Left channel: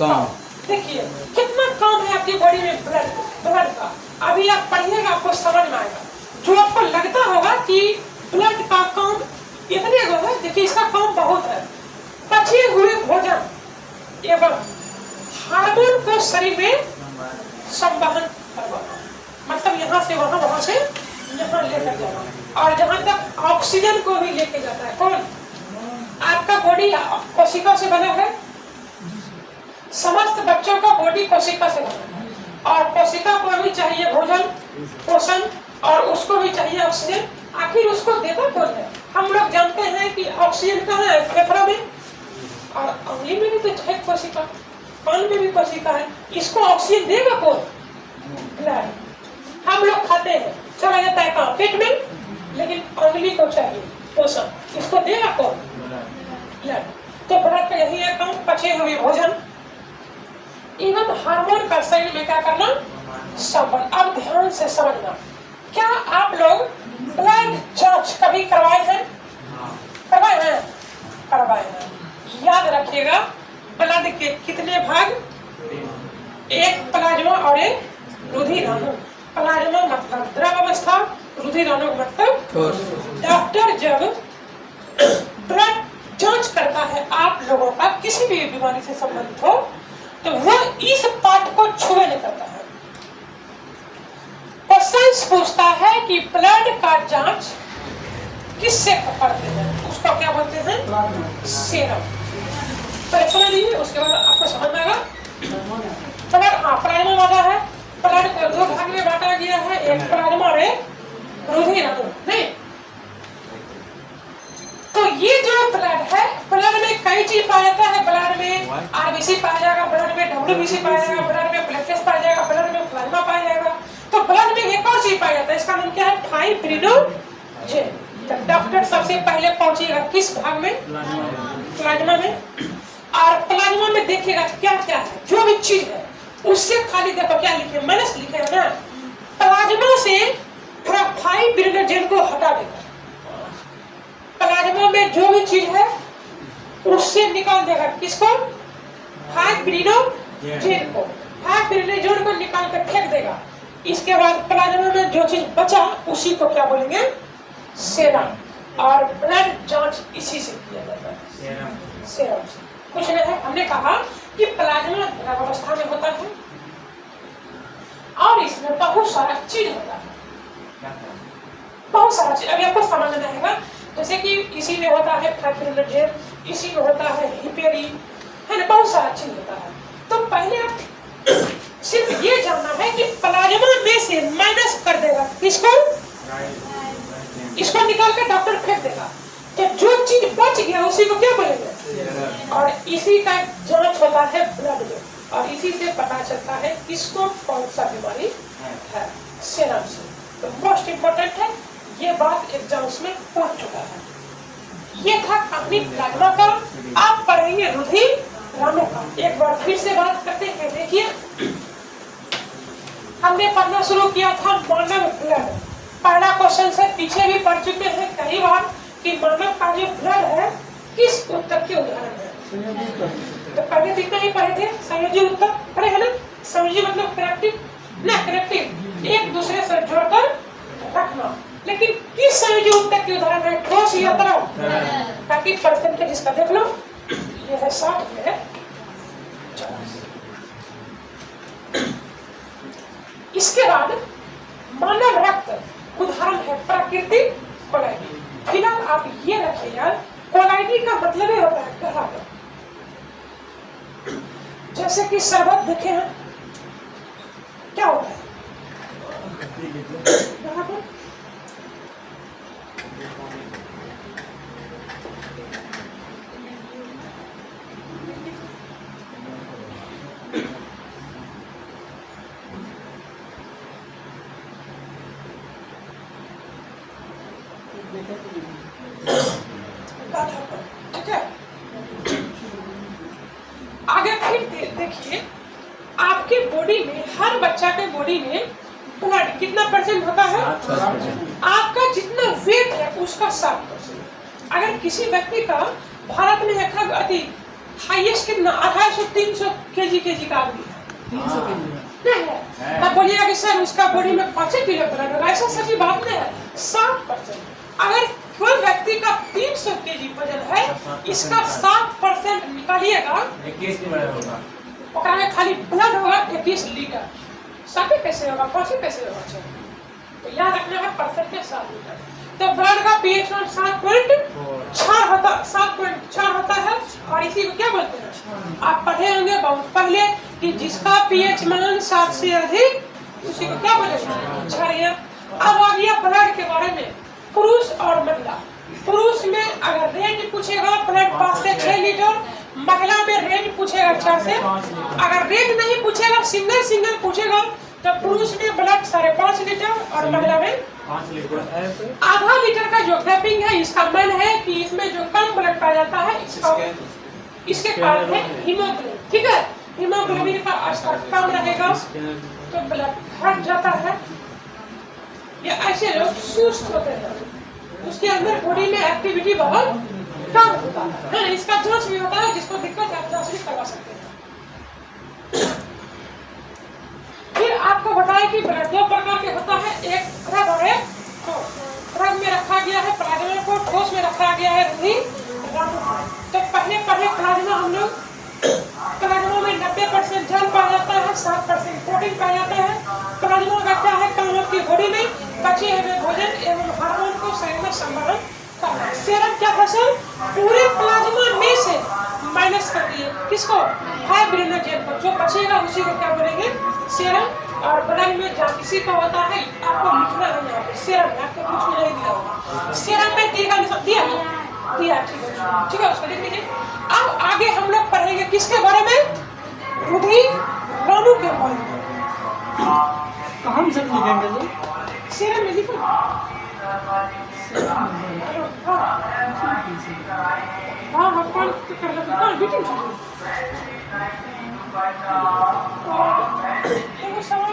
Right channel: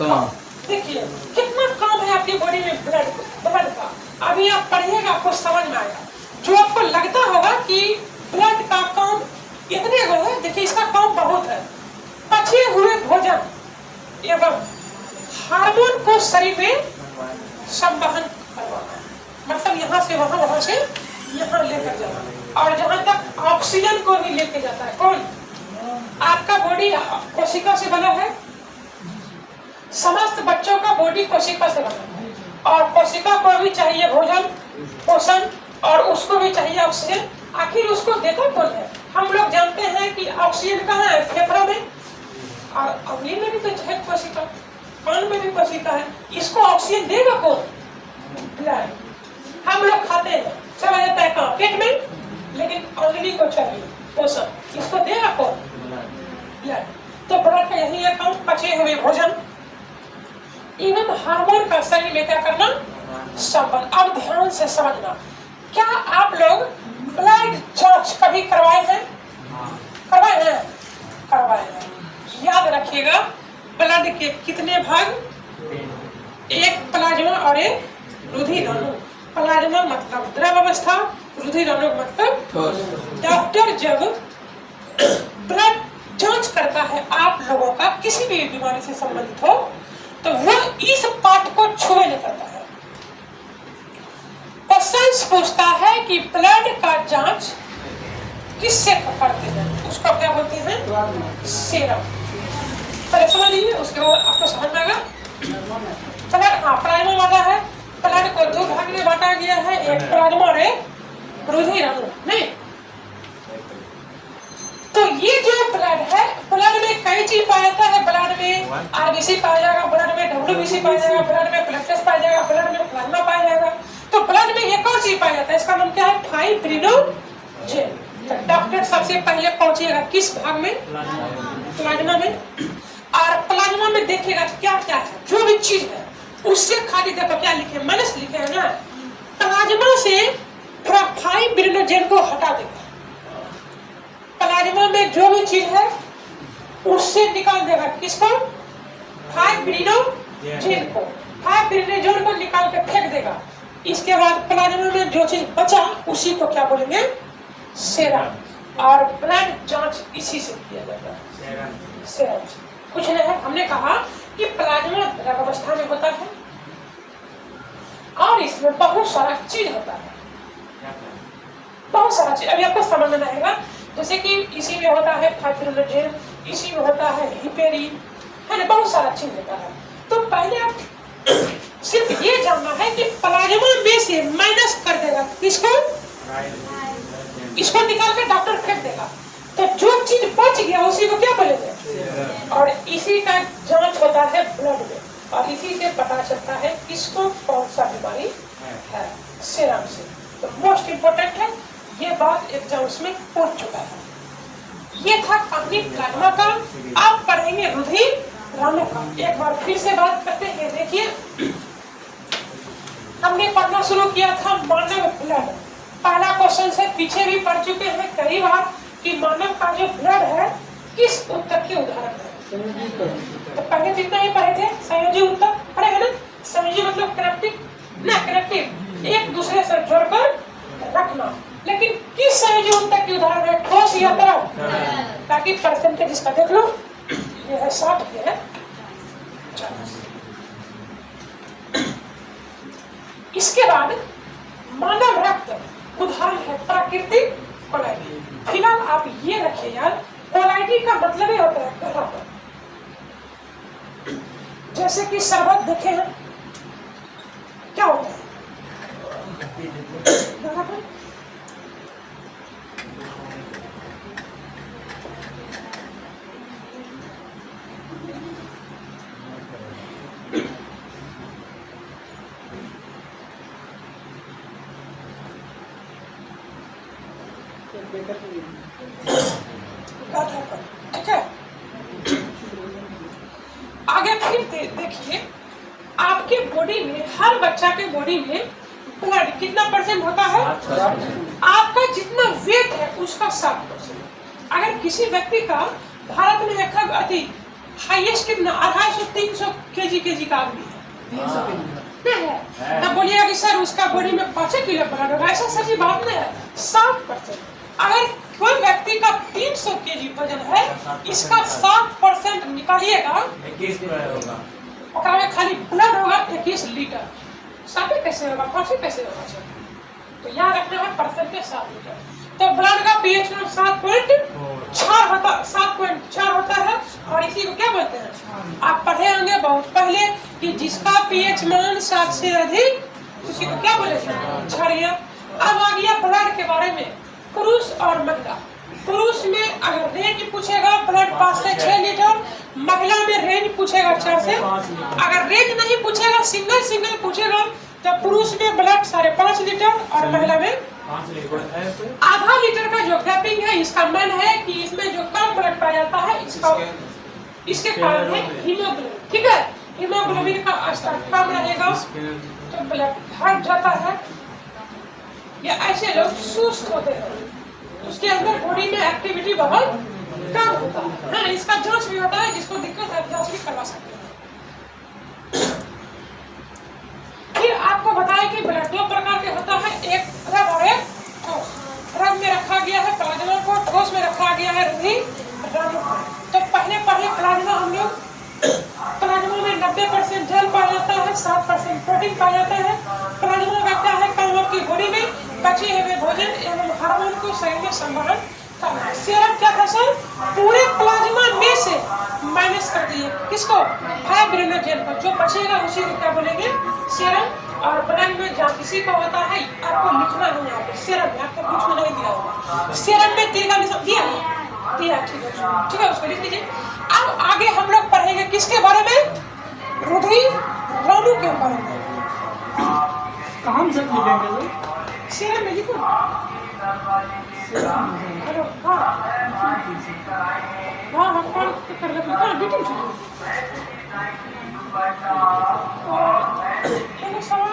काम। देखिए कितना काम है आपकी बॉडी में ब्लड का। अभी आप पढ़िएगा आपको समझ में आएगा। जो आपको लगता होगा कि ब्लड का काम इतने गो है, देखिए इसका काम बहुत है। पचे हुए भोजन एवं हार्मोन को शरीर में संवहन करवाना, मतलब यहाँ से वहाँ, वहाँ से यहाँ लेकर जाना। और जहाँ तक ऑक्सीजन को भी लेके जाता है कौन? आपका बॉडी कोशिका से बना है। समस्त बच्चों का बॉडी कोशिका से बना है, और कोशिका को भी चाहिए भोजन, पोषण, और उसको भी चाहिए ऑक्सीजन। आखिर उसको देता कौन है? हम लोग जानते हैं कि ऑक्सीजन कहाँ है? फेफड़ा में, और उंगली में भी तो है कोशिका, कान में भी कोशिका है। इसको ऑक्सीजन देगा कौन? ब्लड। हम लोग खाते हैं, चला जाता है कहाँ? पेट में, लेकिन उंगली को चाहिए पोषण, इसको देगा कौन? ब्लड। तो ब्लड का यही है काम, पचे हुए भोजन एवं हार्मोन का शरीर में क्या करना? संबंध। अब ध्यान से समझना, क्या आप लोग ब्लड जांच कभी करवाए हैं? करवाए हैं? करवाए हैं। याद रखिएगा, ब्लड के कितने भाग? एक प्लाज्मा और एक रुधिराणु। प्लाज्मा मतलब द्रव अवस्था, रुधिराणु मतलब। डॉक्टर जब ब्लड जांच करता है आप लोगों का किसी भी बीमारी से संबंधित हो, तो वह इस पार्ट को छुए नहीं करता है। क्वेश्चन पूछता है कि ब्लड का जांच किससे करते हैं? उसको क्या बोलते हैं? सीरम। पहले समझ लीजिए, उसके बाद आपको समझ में आएगा। ब्लड, हाँ, प्लाज्मा वाला है। ब्लड को दो भाग में बांटा गया है, एक प्लाज्मा और एक रुधिराणु। नहीं, तो ये जो ब्लड है, ब्लड में कई चीज पाया जाता है। ब्लड में आरबीसी पाया जाएगा, ब्लड में डब्ल्यूबीसी पाया जाएगा, ब्लड में प्लेटलेट्स पाया जाएगा, ब्लड में प्लाज्मा पाया जाएगा। तो ब्लड में एक और चीज पाया जाता है, इसका नाम क्या है? फाइब्रिनोजेन। तो डॉक्टर सबसे पहले पहुंचिएगा किस भाग में? प्लाज्मा में। और प्लाज्मा में देखिएगा क्या क्या है, जो भी चीज है उससे खाली देखो क्या लिखे, माइनस लिखे है ना। प्लाज्मा से फाइब्रिनोजेन को हटा देगा। प्लाज्मा में जो भी चीज है उससे निकाल देगा किसको? फाइब्रिनोजेन को। फाइब्रिनोजेन को निकाल के फेंक देगा। इसके बाद प्लाज्मा में जो चीज बचा उसी को क्या बोलेंगे? सेरम। और ब्लड जांच इसी से किया जाता है, सेरम से। कुछ नहीं है, हमने कहा कि प्लाज्मा द्रव अवस्था में होता है और इसमें बहुत सारा चीज होता है, बहुत सारा चीज। अभी आपको समझ में आएगा। जैसे कि इसी में होता है फाइब्रिनोजेन, इसी में होता है हिपेरिन, है ना, बहुत सारा चीज होता है। तो पहले आप सिर्फ ये जानना है कि प्लाज्मा में से माइनस कर देगा किसको? इसको निकाल के डॉक्टर फेंक देगा। तो जो चीज बच गया उसी को क्या बोलेंगे? और इसी का जांच होता है ब्लड में, और इसी से पता चलता है किसको कौन सा बीमारी है, सीरम से। तो मोस्ट इम्पोर्टेंट है, ये बात एग्जाम्स में पूछ चुका है। ये था अपनी प्लाज्मा का। आप पढ़ेंगे रुधिराणु का। एक बार फिर से बात करते हैं। देखिए, हमने पढ़ना शुरू किया था मानव ब्लड। पहला क्वेश्चन से पीछे भी पढ़ चुके हैं कई बार कि मानव का जो ब्लड है किस उत्तर के उदाहरण है। तो पहले तो इतना ही पढ़े थे, संयोजी उत्तर पढ़े है ना। संयोजी मतलब कनेक्टिव ना, कनेक्टिव एक दूसरे से जोड़कर रखना। लेकिन किस संयोजी उत्तर के उदाहरण है? ठोस या तरल? ताकि परसेंटेज इसका देख लो, ये है 60, ये है 40। इसके बाद मानव रक्त उदाहरण है प्राकृतिक कोलाइडी। फिलहाल आप ये रखिए यार, कोलाइडी का मतलब ही होता है गहरापन। जैसे कि शरबत देखे हैं, क्या होता है? गहरापन। ठीक है, आगे फिर देखिए, आपके बॉडी में, हर बच्चा के बॉडी में ब्लड कितना परसेंट होता है? आपका जितना वेट है उसका 7%। अगर किसी व्यक्ति का भारत में हाईएस्ट कितना 250-300 kg का आदमी है, 300 kg नहीं है। तब बोलिएगा कि सर उसका बॉडी में 5 किलो ब्लड होगा, ऐसा सच्ची बात नहीं है। 60%। अगर कोई व्यक्ति का 300 kg वजन है, इसका 60% निकालिएगा, 21 होगा, ओकरा में खाली ब्लड होगा 21 लीटर। 60 कैसे होगा, 5 कैसे होगा सर? तो याद रखना है परसेंट के 7 लीटर। तो ब्लड का पीएच मान 7.4 होता है, और इसी को क्या बोलते हैं? आप पढ़े होंगे बहुत पहले कि जिसका पीएच मान 7 से अधिक उसी को क्या बोलेंगे? क्षारीय। अब आ गया ब्लड के बारे में, पुरुष और महिला। पुरुष में अगर रेंज पूछेगा ब्लड 5 से 6 लीटर, महिला में रेंज पूछेगा 4 से। अगर रेंज नहीं पूछेगा, सिंगल पूछेगा, तो पुरुष में ब्लड 5.5 लीटर और महिला में 5 लीटर। आधा लीटर का जो गैपिंग है, इसका मन है कि इसमें जो कम ब्लड पाया जाता है इसके कारण है हीमोग्लोबिन। ठीक है, हीमोग्लोबिन का स्तर कम रहेगा तो ब्लड घट जाता है। या ऐसे लोग सुस्त होते हैं, उसके अंदर बॉडी में एक्टिविटी बहुत कम होता है। इसका जांच भी होता है, जिसको दिक्कत है जांच भी करवा सकते हैं। फिर आपको बताया कि ब्लड 2 प्रकार के होता है, एक द्रव और एक ठोस। द्रव में रखा गया है प्लाज्मा को, ठोस में रखा गया है रुधिर राणु को। तो पहले प्लाज्मा हम लोग, प्लाज्मा में 90% जल पाया जाता है, 7% प्रोटीन पाया जाता है। प्लाज्मा का क्या है काम? आपकी बॉडी में बचे हुए भोजन एवं हार्मोन को शरीर में संवहन करना। सीरम क्या था सर? पूरे प्लाज्मा में से माइनस कर दिए किसको? फाइब्रिनोजेन को। जो बचेगा उसी को क्या बोलेंगे? सीरम। और ब्लड में जहाँ किसी का होता है, आपको लिखना है यहाँ पे सीरम में, आपको कुछ भी नहीं दिया होगा। सीरम में तीर का निशान दिया, ठीक है, उसको लिख लीजिए। अब आगे हम लोग पढ़ेंगे किसके बारे में? रुधिर राणु के बारे में। कहाँ से लिखेंगे सर? सीरम में लिखो। हाँ हम कौन कर रहे हैं? मीटिंग सवाल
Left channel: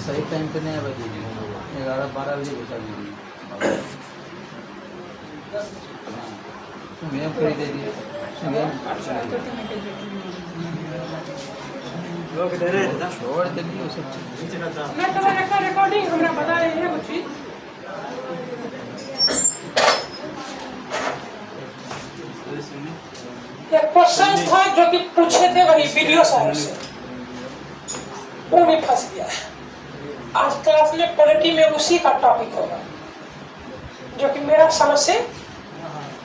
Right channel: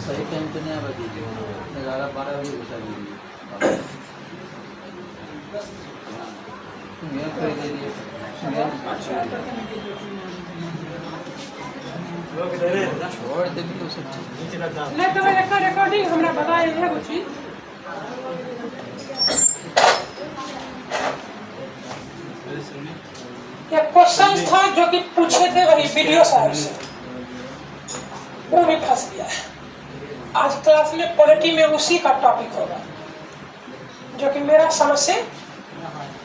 सही टाइम पे नहीं बता दीजिए, 11-12 बजे घुसा दीजिए। सुनिए कर दीजिए, सुनिए छोड़ दीजिए सब चीज। नहीं तो रिकॉर्डिंग हमरा बताए है कुछ चीज। ये क्वेश्चन था जो कि पूछे थे वही वीडियो साहब से, वो भी फंस गया है। आज क्लास में पॉलिटी में उसी का टॉपिक होगा, जो कि मेरा समझ से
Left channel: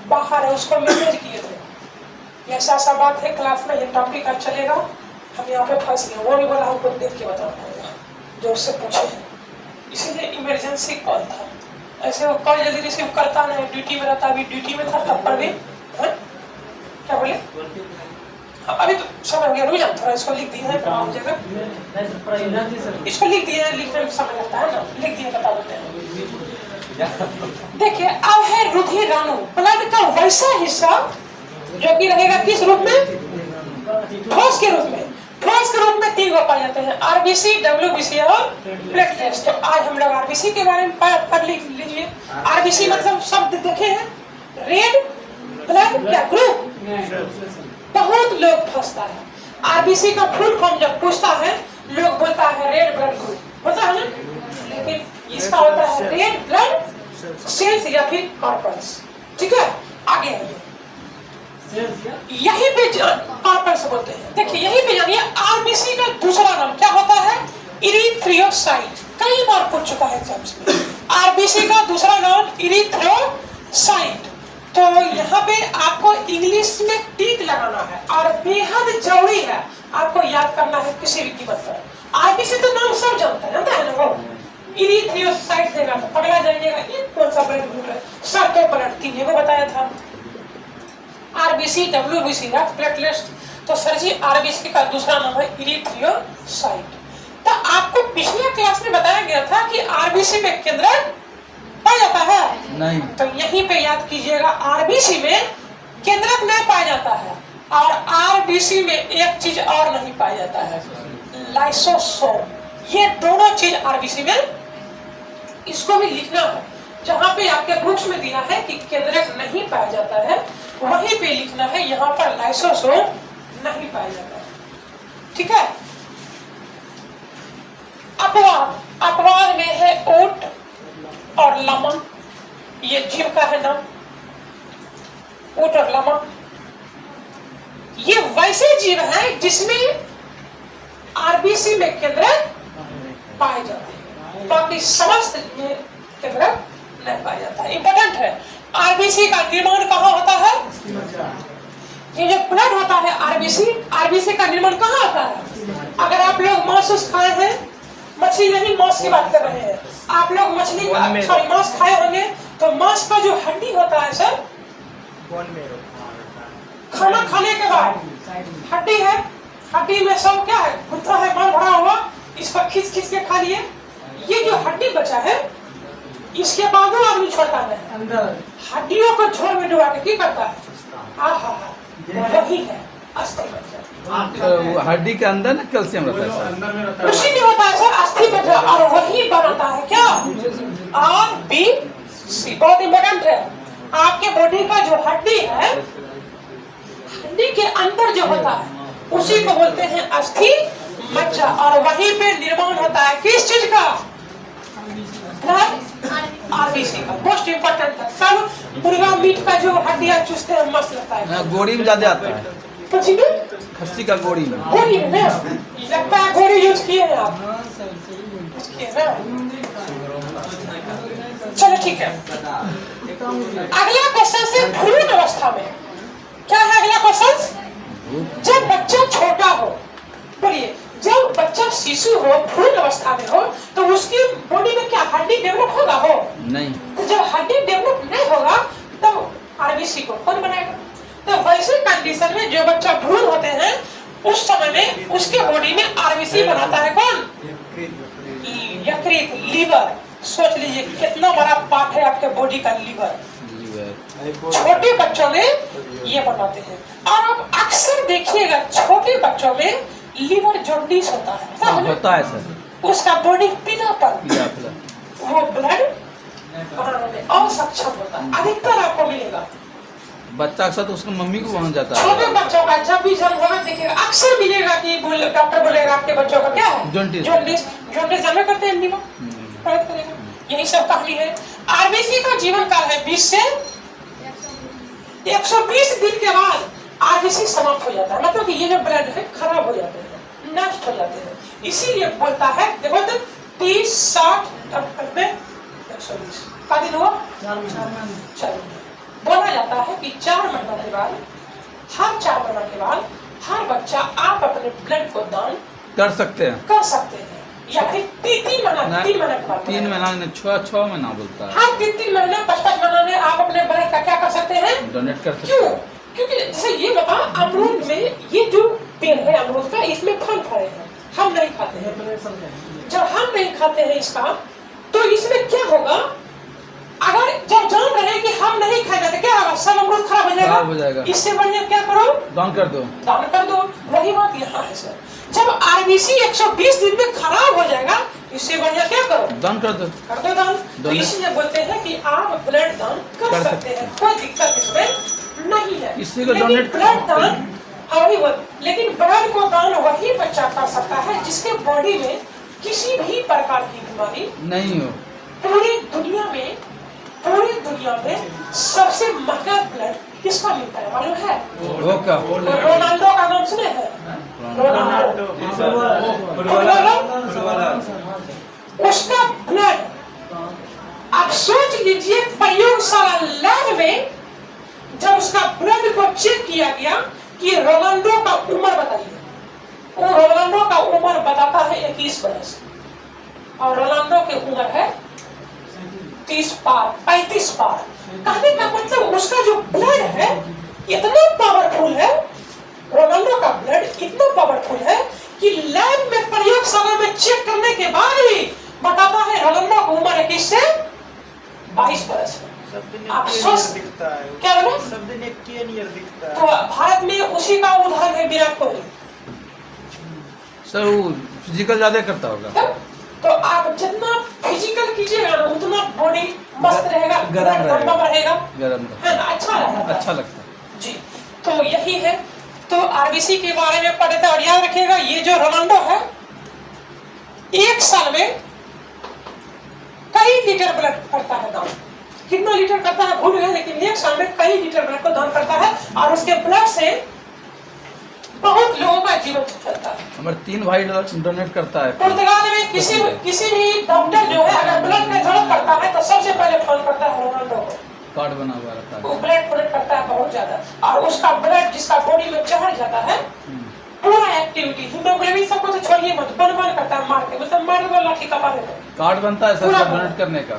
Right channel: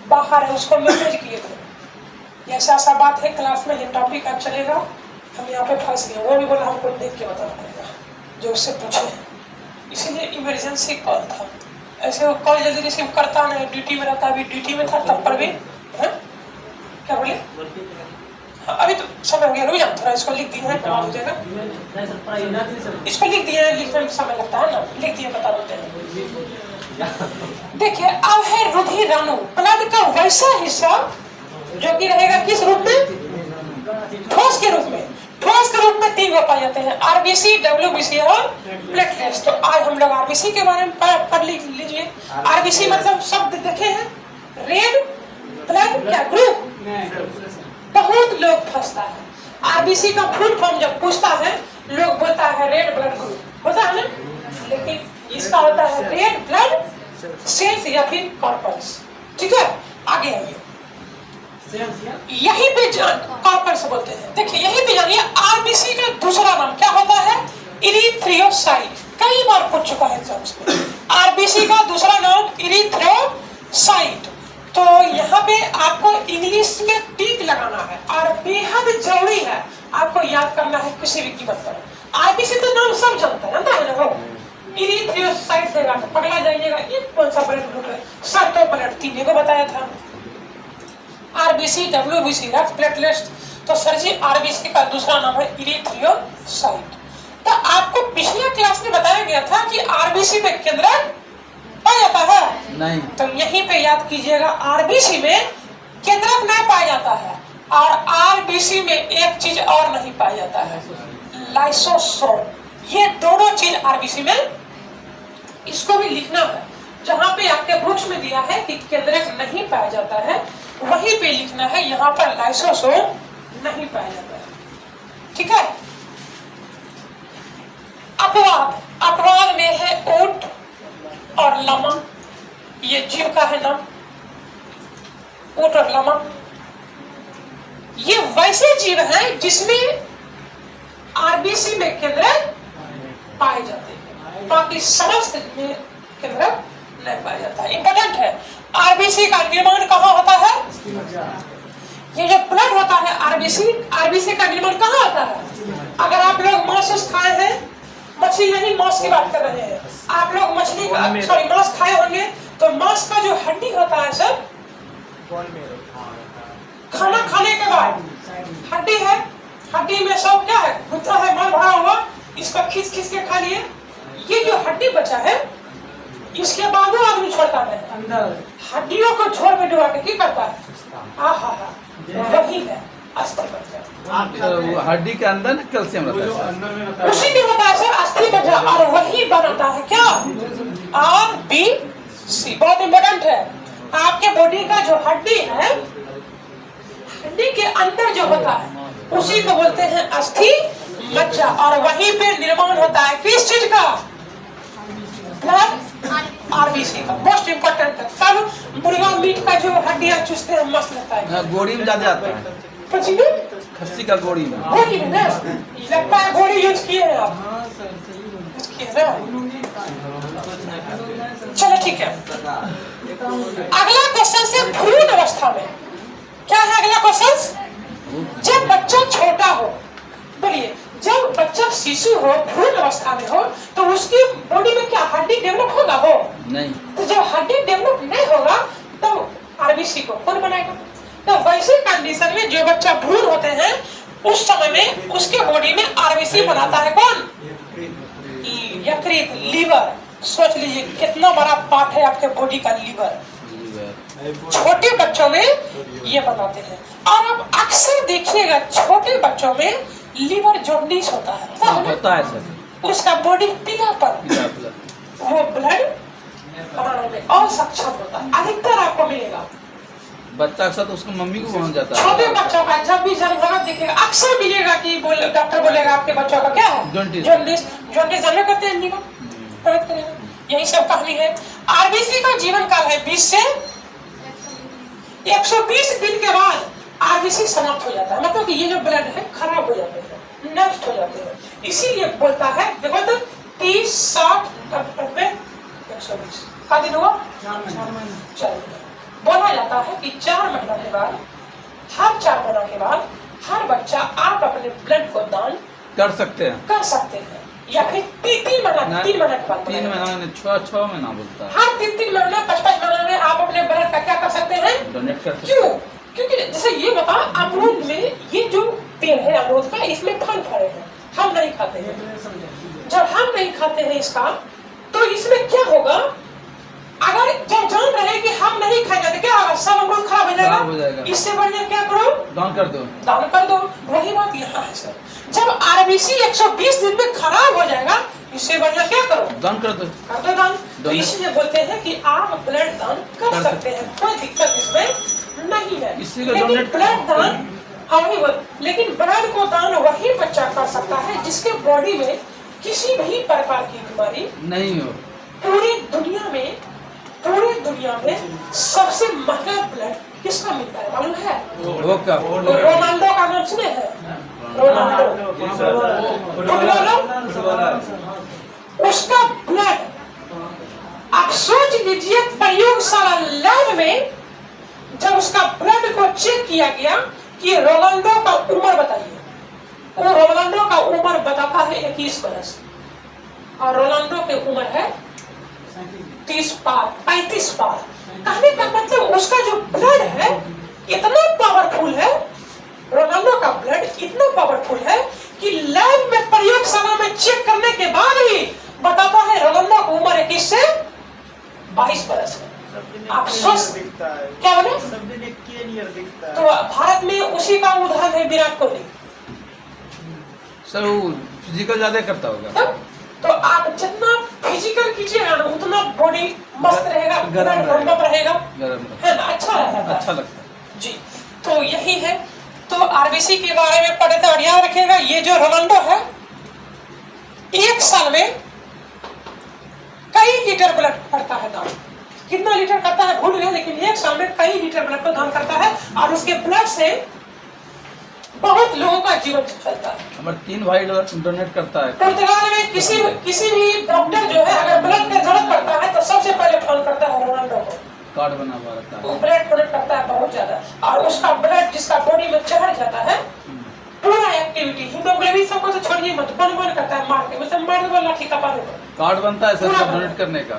बाहर है, उसको मैसेज किए थे। ये ऐसा बात है क्लास में, ये टॉपिक आज चलेगा, हम यहाँ पे फंस गए। वो भी बोला हमको देख के बताना पड़ेगा जो उससे पूछे, इसीलिए इमरजेंसी कॉल था। ऐसे वो कॉल जल्दी रिसीव करता नहीं, ड्यूटी में रहता, अभी ड्यूटी में था तब पर भी। क्या बोले? अभी तो समय हो गया, रुक जाओ थोड़ा, इसको लिख दिया है, हो जाएगा। इसको लिख दिया है, लिखने में समय लगता है ना, लिख दिया बता देते हैं। देखिए अब है रुधिर राणु, ब्लड का वैसा हिस्सा जो कि रहेगा किस रूप में? ठोस के रूप में। ठोस के रूप में 3 गो पाए जाते हैं, आरबीसी, डब्ल्यूबीसी और प्लेटलेट्स। तो आज हम लोग आरबीसी के बारे में पढ़ लीजिए। आरबीसी मतलब शब्द देखे हैं, रेड ब्लड क्या ग्रुप। बहुत लोग फंसता है, आरबीसी का फुल फॉर्म जब पूछता है लोग बोलता है रेड ब्लड ग्रुप, होता है ना? लेकिन इसका होता है रेड ब्लड सेल्स या फिर कॉर्पल्स। ठीक है, आगे आइए। यहीं पे कॉर्पल्स बोलते हैं। देखिए यहीं पे जानिए आरबीसी का दूसरा नाम क्या होता है, इरिथ्रोसाइट। कई बार पूछ चुका है एग्जाम्स में, आरबीसी का दूसरा नाम इरिथ्रोसाइट। तो यहाँ पे आपको इंग्लिश में टिक लगाना है और बेहद जरूरी है आपको याद करना है किसी भी कीमत पर। आरबीसी तो नाम सब जानता है ना, इरिथ्रोसाइट देगा तो पगला जाइएगा, ये कौन सा ब्लड ग्रुप है, सब तो ब्लड तीन को बताया था, आरबीसी, डब्ल्यूबीसी, रक्त प्लेटलेट्स। तो सर जी आरबीसी का दूसरा नाम है इरिथ्रोसाइट। तो आपको पिछले क्लास में बताया गया था कि आरबीसी में केंद्रक पाया जाता है नहीं, तो यहीं पे याद कीजिएगा आरबीसी में केंद्रक नहीं पाया जाता है। और आरबीसी में एक चीज और नहीं पाया जाता है, लाइसोसोम। ये दोनों चीज आरबीसी में, इसको भी लिखना है। जहां पे आपके बुक्स में दिया है कि केंद्रक नहीं पाया जाता है, वहीं पे लिखना है यहाँ पर लाइसोसोम नहीं पाया जाता है। ठीक है, अपवाद, अपवाद में है ऊंट और लामा, ये जीव का है नाम, ऊंट और लामा। ये वैसे जीव हैं जिसमें आरबीसी में केंद्रक पाए जाते हैं, बाकी समस्त में केंद्रक नहीं पाया जाता है। इंपॉर्टेंट है, आरबीसी का निर्माण कहाँ होता है, ये जो ब्लड होता है आरबीसी, आरबीसी का निर्माण कहाँ होता है। अगर आप लोग मांस खाए हैं, मछली नहीं मांस की बात कर रहे हैं, आप लोग मछली सॉरी मांस खाए होंगे, तो मांस का जो हड्डी होता है सर, खाना खाने के बाद हड्डी है, हड्डी में सब क्या है, गुद्दा है, माल भरा हुआ, इसको खींच खींच के खा लिए। ये जो हड्डी बचा है इसके बाद वो आदमी छोड़ता है, हड्डियों को झोल में डुबा के क्या करता है, वही है अस्थि मज्जा। वो हड्डी के अंदर ना कैल्शियम रहता है, उसी में होता है सर अस्थि मज्जा, और वही बनाता है क्या, आरबीसी। बहुत इंपॉर्टेंट है, आपके बॉडी का जो हड्डी है, हड्डी के अंदर जो होता है उसी को बोलते हैं अस्थि मज्जा, और वहीं पे निर्माण होता है किस चीज का, आरबीसी का। मोस्ट इम्पोर्टेंट है, कल मुर्गा मीट का जो हड्डियां चूसते हैं मस्त लगता है, गोड़ी में ज्यादा आता है, पची में खस्सी का गोड़ी में, गोड़ी में ना लगता है, गोड़ी यूज किए हैं आप, यूज किए ना। चलो ठीक है, अगला क्वेश्चन से भ्रूण अवस्था में क्या है, अगला क्वेश्चन, जब बच्चा छोटा हो, बोलिए जब बच्चा शिशु हो, भ्रूण अवस्था में हो, तो उसकी बॉडी में क्या हड्डी डेवलप होगा हो, नहीं, तो जब हड्डी डेवलप नहीं होगा तब आरबीसी को कौन बनाएगा। तो वैसे कंडीशन में जो बच्चा भ्रूण होते हैं उस समय में उसके बॉडी में आरबीसी बनाता है कौन, यकृत, लीवर। सोच लीजिए कितना बड़ा पार्ट है आपके बॉडी का लीवर, छोटे बच्चों में ये बनाते हैं। और आप अक्सर देखिएगा छोटे बच्चों में लीवर जॉन्डिस होता है सर, उसका बॉडी पीलापन, वो ब्लड बनाने में असक्षम होता है, अधिकतर आपको मिलेगा। बच्चा के साथ उसकी मम्मी को पहुंच जाता है, छोटे बच्चों का जब भी जन्म होगा देखिएगा अक्सर मिलेगा कि डॉक्टर बोलेगा आपके बच्चों का क्या है, जॉन्डिस। जॉन्डिस जानते करते हैं लीवर प्रभावित करेगा, यही सब कहानी है। आरबीसी का जीवन काल है 20 से 120 दिन के बाद आरबीसी समाप्त हो जाता है, मतलब कि ये जो ब्लड है खराब हो जाते हैं, नष्ट हो जाते हैं। इसीलिए बोलता है, देखो तो 30, 60, 120 का दिन हुआ, बोला जाता है कि 4 महीना के बाद, हर 4 महीना के बाद हर बच्चा आप अपने ब्लड को दान कर सकते हैं, या फिर 3 महीना, 3 महीना के बाद, 3 महीना ने 6 महीना बोलता है, हर 3 महीना 5 महीना में आप अपने ब्लड का क्या कर सकते हैं, डोनेट कर सकते क्यों, हैं। क्योंकि जैसे ये बता, अमरूद में ये जो पेड़ है अमरूद का, इसमें फल फरे हैं, हम नहीं खाते हैं। जब हम नहीं खाते हैं इसका, तो इसमें क्या होगा, अगर जब जान रहे हैं कि हम नहीं खाएंगे तो क्या होगा, सब अमरूद खराब हो जाएगा। इससे बढ़िया क्या करो, दान कर दो, दान कर दो। वही बात यहाँ है सर, जब आरबीसी 120 दिन में खराब हो जाएगा, इससे बढ़िया क्या करो, दान कर दो, दान। तो इसलिए बोलते हैं कि आप ब्लड दान कर सकते हैं, कोई दिक्कत इसमें नहीं है। लेकिन ब्लड दान, लेकिन ब्लड को दान वही बच्चा कर सकता है जिसके बॉडी में किसी भी प्रकार की बीमारी नहीं हो। पूरी दुनिया में सबसे महंगा ब्लड किसका मिलता है मालूम है? वो क्या? रोनाल्डो का नाम सुने हैं? रोनाल्डो उसका ब्लड, आप सोच लीजिए प्रयोगशाला लैब में जब उसका ब्लड को चेक किया गया कि रोनाल्डो का उम्र बताइए, वो रोनाल्डो का उम्र बताता है 21 वर्ष और रोनाल्डो की उम्र है 30 पार 35 पार। कहने का मतलब उसका जो ब्लड है इतना पावरफुल है, रोनाल्डो का ब्लड इतना पावरफुल है कि लैब में प्रयोगशाला में चेक करने के बाद ही बताता है रोनाल्डो की उम्र 21 से 22 वर्ष है। आप सोच क्या बोले? सब दिन एक नियर दिखता है। तो भारत में उसी का उदाहरण है विराट कोहली। सर वो फिजिकल ज्यादा करता होगा। तो आप जितना फिजिकल कीजिएगा ना उतना बॉडी मस्त रहेगा, गरम रहेगा, है ना, अच्छा रहेगा, अच्छा लगता है जी। तो यही है। तो आरबीसी के बारे में पढ़े थे और याद रखिएगा ये जो रोनाल्डो है एक साल में कई लीटर ब्लड करता है दान। कितना लीटर करता है भूल गए, लेकिन एक साल में कई लीटर ब्लड को दान करता है और उसके ब्लड से बहुत लोगों का जीवन चलता है। हमारे 3 भाई डोनेट करता है। पुर्तगाल में किसी भी डॉक्टर जो है अगर ब्लड का जरूरत पड़ता है तो सबसे पहले फोन करता है रोनाल्डो को। कार्ड बना हुआ रहता है। वो ब्लड डोनेट करता है बहुत ज्यादा और उसका ब्लड जिसका बॉडी में चढ़ जाता है पूरा एक्टिविटी हीमोग्लोबिन सबको तो छोड़िए मत, बन करता है मार के, मतलब मार के लाठी का पारे। कार्ड बनता है सर डोनेट करने का।